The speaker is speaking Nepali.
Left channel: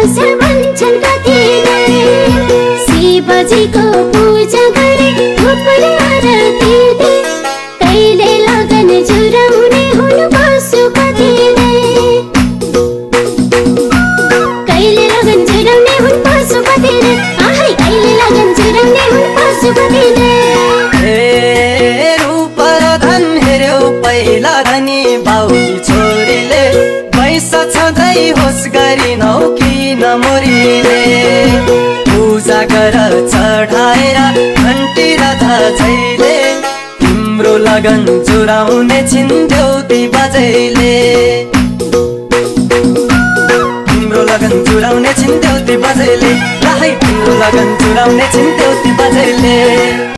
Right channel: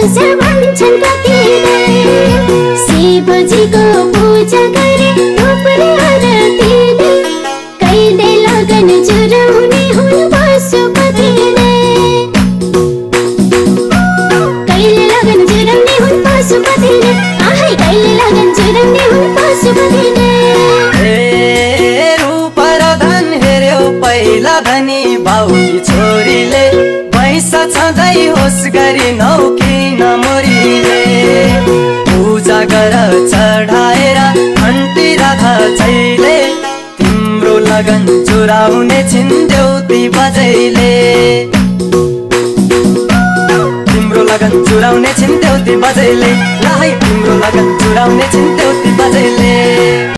अवसर भन्छन् कतिले शिवजीको पूजा गरे धूप आरती दे कहिले लगन जुराउने हुन् पशुपतिले कहिले लगन जुराउने हुन् पशुपतिले आहै कहिले लगन जुराउने हुन् पशुपतिले रूप र धन हेर्यो पहिला धनी बाउकी छोरीले पैसा छँदै होस् गरी नौकिन मोरीले पूजा गर चढाएर घन्टी राधा छैले तिम्रो लगन चुराउने छिन्देउती बजैले तिम्रो लगन चुराउने छिन्देउती बजैले ला है तिम्रो लगन चुराउने छिन्देउती